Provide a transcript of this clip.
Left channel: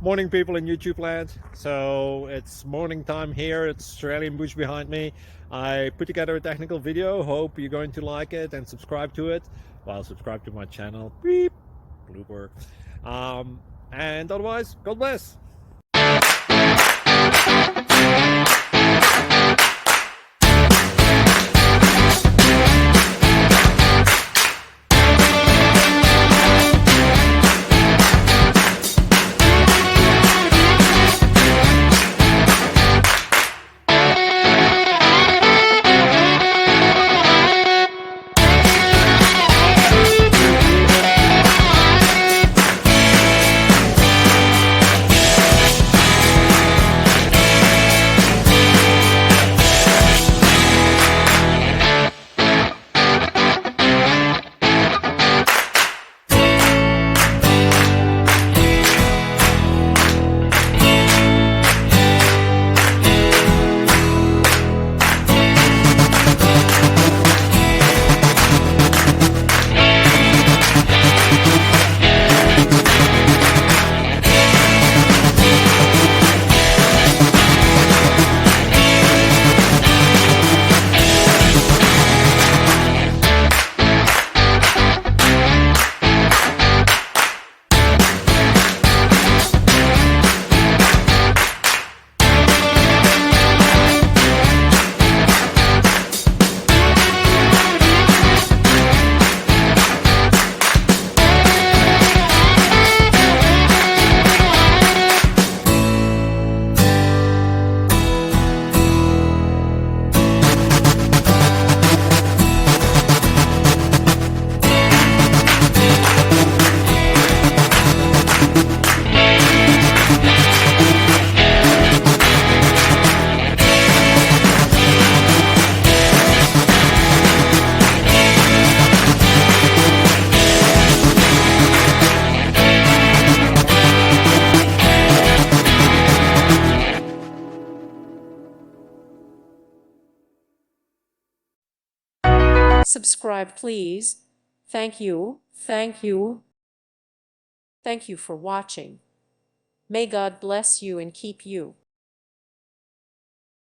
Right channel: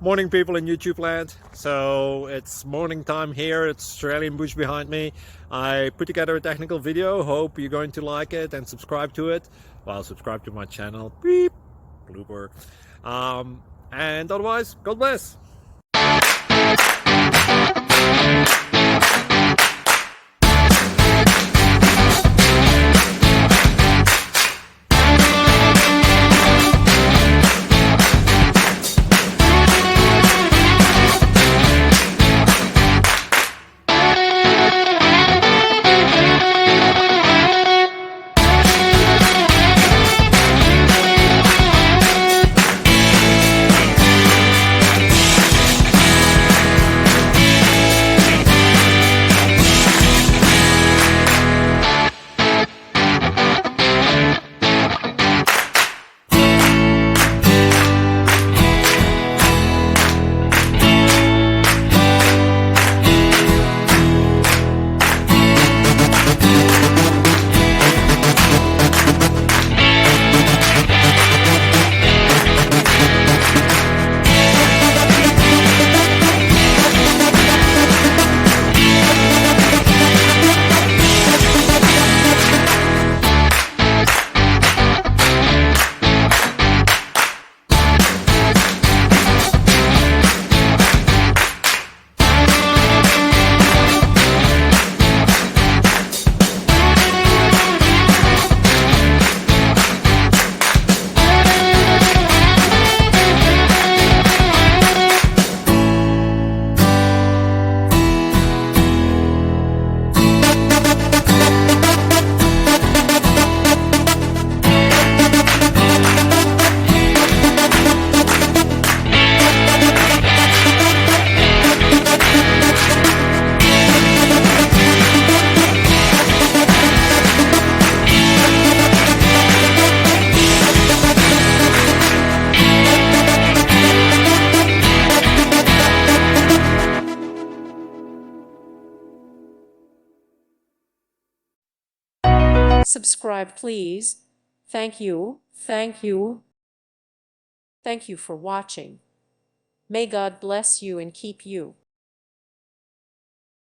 Morning, people in YouTube land. So it's morning time here. It's Australian bush behind me. I put together a technical video. Hope you're going to like it and subscribe to it. Well, subscribe to my channel. Beep, blooper. And otherwise, God bless. Subscribe, please. Thank you. Thank you. Thank you for watching. May God bless you and keep you.